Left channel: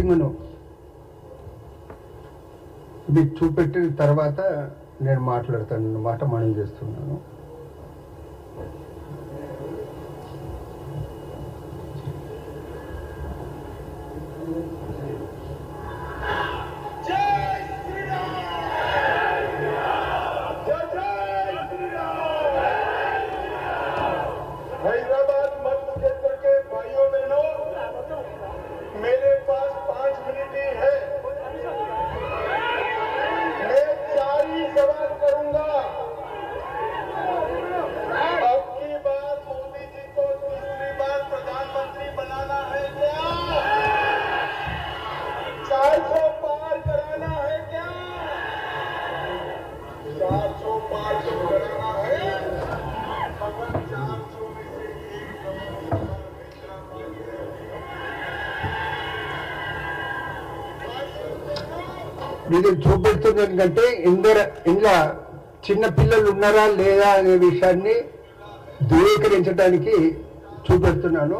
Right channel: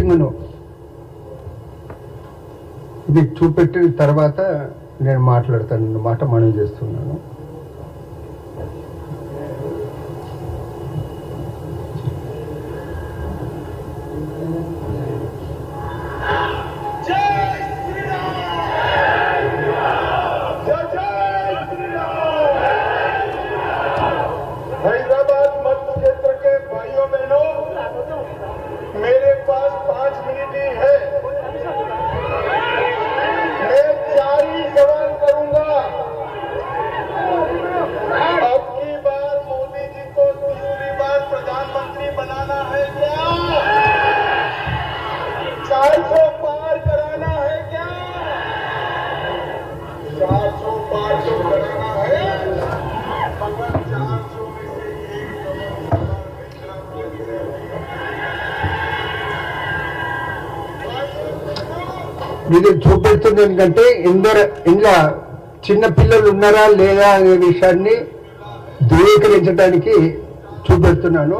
క్లిప్పింగ్ను ఇది చూపెట్టిన తర్వాత నేను మాట్లాడతాను మాట మనం చేస్తున్నాను. ఇది చూపెడుతుంది ఎందుకంటే ఇంకా చిన్న పిల్లలు ఉన్నారా లేదా అనే విషయాన్ని ధృవీకరించడానికి చూపెడుతున్నాను.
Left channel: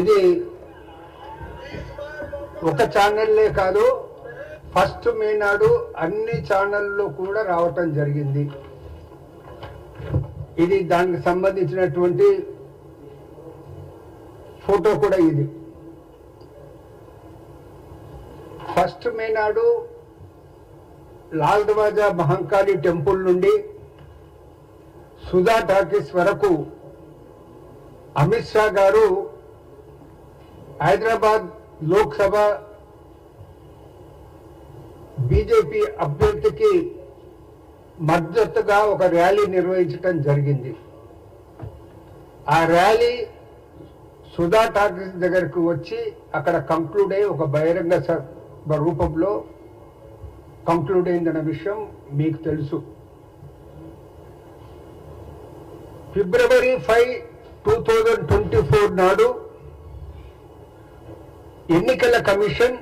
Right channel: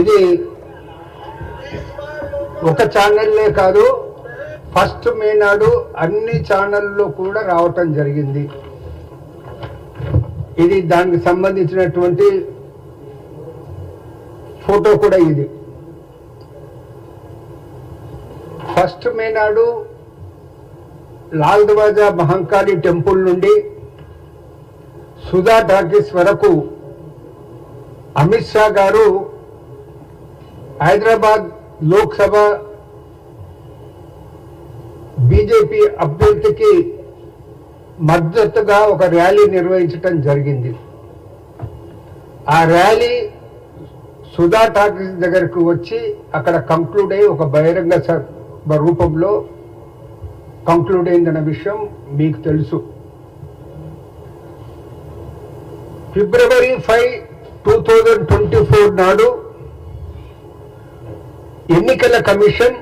ఇది ఒక ఛానల్లే కాదు, ఫస్ట్ మే నాడు అన్ని ఛానల్లో కూడా రావటం జరిగింది. ఇది దానికి సంబంధించినటువంటి ఫోటో కూడా ఇది. ఫస్ట్ మే నాడు లాల్ దర్వాజా మహంకాళి టెంపుల్ నుండి సుధా టాకీస్ వరకు అమిత్ షా గారు హైదరాబాద్ లోక్సభ బీజేపీ అభ్యర్థికి మద్దతుగా ఒక ర్యాలీ నిర్వహించడం జరిగింది. ఆ ర్యాలీ సుధా టాకీస్ దగ్గరకు వచ్చి అక్కడ కంక్లూడ్ అయ్యి ఒక బహిరంగ రూపంలో కంక్లూడ్ అయిందన్న విషయం మీకు తెలుసు. ఫిబ్రవరి 5, 2024 నాడు ఎన్నికల కమిషన్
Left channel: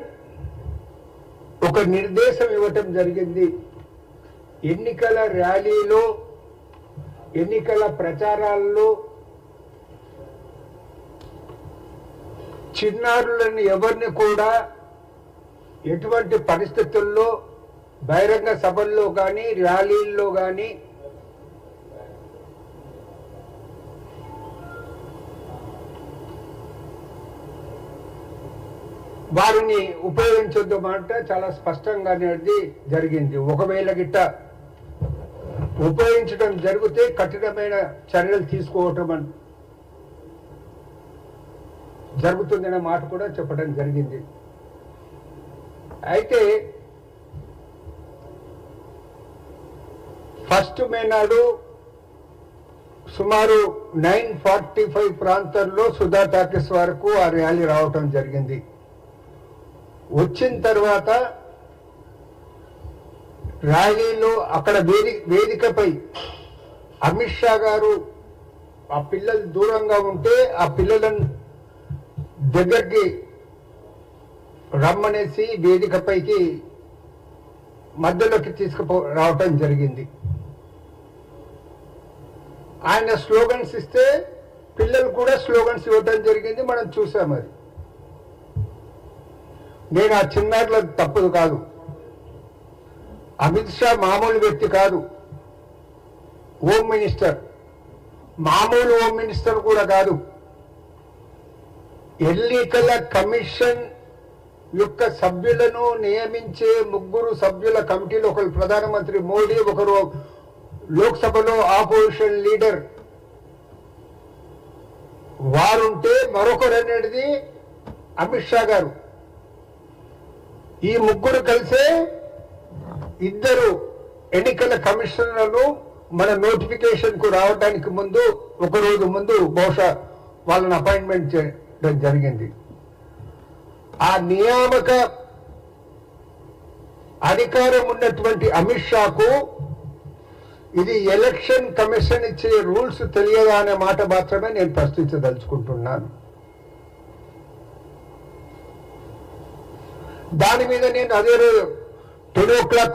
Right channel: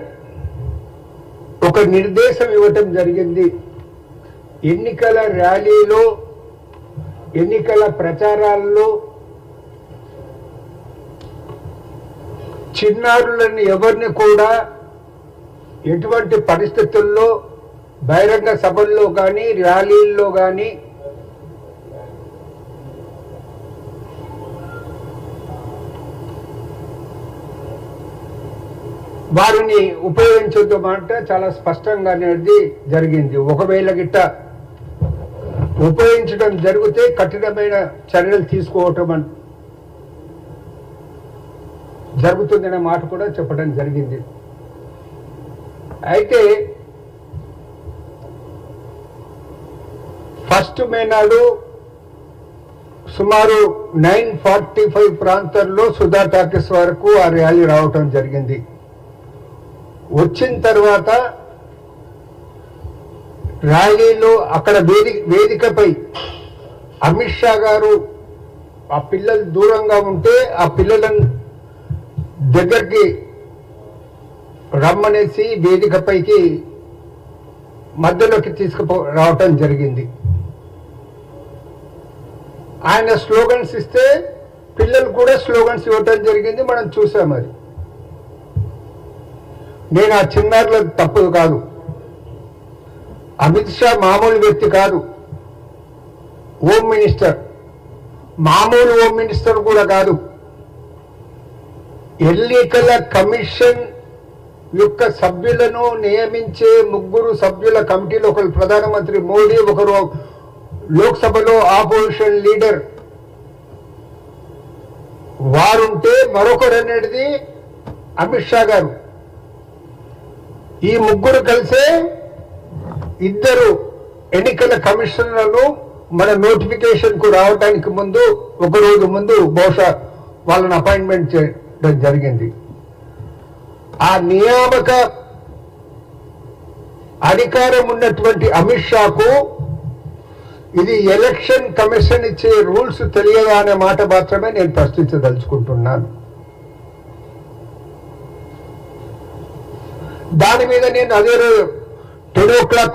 ఒక నిర్దేశం ఇవ్వటం జరిగింది. ఎన్నికల ర్యాలీలో, ఎన్నికల ప్రచారాల్లో చిన్నారులను ఎవరిని కూడా ఎటువంటి పరిస్థితుల్లో బహిరంగ సభల్లో కానీ ర్యాలీల్లో కానీ వారిని ఉపయోగించొద్దమంట చాలా స్పష్టంగా అనేది జరిగింది. ఒకవేళ గిట్ట ఉపయోగించడం జరిగితే కఠినమైన చర్యలు తీసుకోవటం జరుగుతుందనే మాట కూడా చెప్పడం జరిగింది. అయితే ఫస్ట్ మే నాడు సుమారు 9:45 ప్రాంతాల్లో సుధా టాకీస్ వరకు ఆ ర్యాలీ రావటం జరిగింది. వచ్చిన తర్వాత ర్యాలీలో అక్కడ వేదికపై అమిత్ షా గారు ఆ పిల్లలు దూరంగా ఉంటే ఆ పిల్లలను దగ్గరికి రమ్మనేసి వేదికపైకి మధ్యలోకి రావటం జరిగింది. ఆయన స్లోగన్స్ ఇస్తే పిల్లలు కూడా స్లోగన్స్ ఇవ్వటం జరిగింది. మనం చూసాం. అది నేను ఆ చిన్నారుల తప్పుదు కాదు. అమిత్ షా మామూలు వ్యక్తి కాదు, హోమ్ మినిస్టర్. మామూలు హోమ్ మినిస్టర్ కూడా కాదు. ఎన్నికల కమిషన్ యొక్క సభ్యులను నియమించే 3 సభ్యుల కమిటీలో ఒకరు ప్రధానమంత్రి మోడీ, ఒకరు లోక్సభలో ఆపోజిషన్ లీడర్ వారుంటే మరొకరు అనేది అమిత్ షా గారు. ఈ 3 కలిసే 2 ఎన్నికల కమిషనర్లు మన నోటిఫికేషన్ కు రావడానికి ముందు ఒక రోజు ముందు బహుశా వాళ్ళని అపాయింట్మెంట్ చేయడం జరిగింది. ఆ నియామక అధికారం ఉన్నటువంటి అమిత్ షాకు ఇది ఎలక్షన్ కమిషన్ ఇచ్చే రూల్స్ తెలియదా అనే మాట మాత్రమే నేను ప్రశ్నించదలుచుకుంటున్నాను. దాని మీద నేను అదే 10 o'clock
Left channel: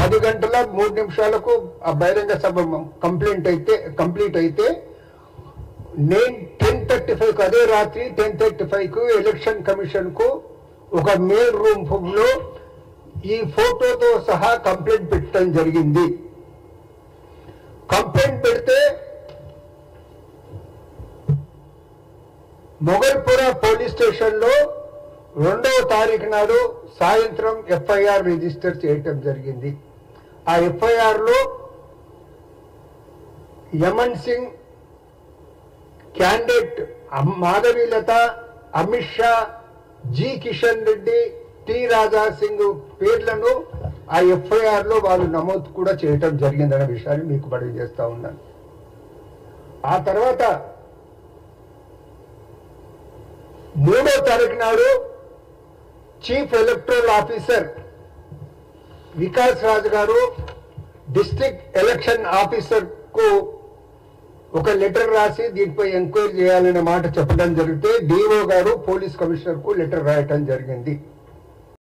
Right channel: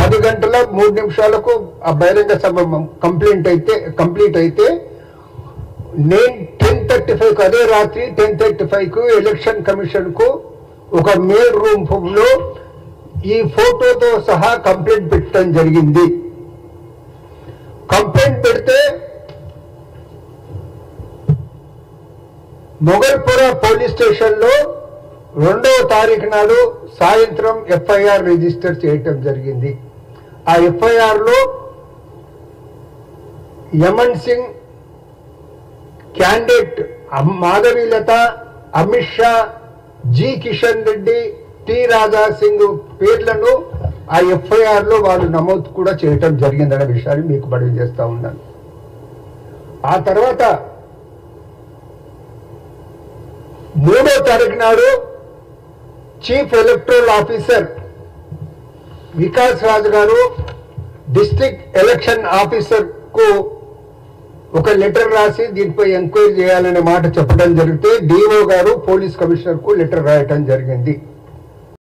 10 గంటల 3 నిమిషాలకు ఆ బహిరంగ సభ కంప్లీట్ అయితే నేను 10:35 అదే రాత్రి 10:35 ఎలక్షన్ కమిషన్ కు ఒక మెయిల్ రూమ్ లో ఈ ఫోటోతో సహా కంప్లైంట్ పెట్టడం జరిగింది. కంప్లైంట్ పెడితే మొగల్పుర పోలీస్ స్టేషన్ లో 2వ తారీఖు నాడు సాయంత్రం ఎఫ్ఐఆర్ రిజిస్టర్ చేయటం జరిగింది. ఆ ఎఫ్ఐఆర్ లో Yaman Singh, candidate Madhavilatha, Amit Shah, G Kishan Reddy, T Raja Singh పేర్లను ఆ ఎఫ్ఐఆర్ లో వాళ్ళు నమోదు కూడా చేయటం జరిగిందనే విషయాన్ని మీకు మనవి చేస్తా ఉన్నాను. ఆ తర్వాత 3వ తారీఖు నాడు chief electoral officer Vikas Raj గారు డిస్ట్రిక్ట్ ఎలక్షన్ ఆఫీసర్ కు ఒక లెటర్ రాసి దీనిపై ఎంక్వైరీ చేయాలనే మాట చెప్పడం జరిగితే డిఓ గారు పోలీస్ కమిషనర్ కు లెటర్ రాయటం జరిగింది.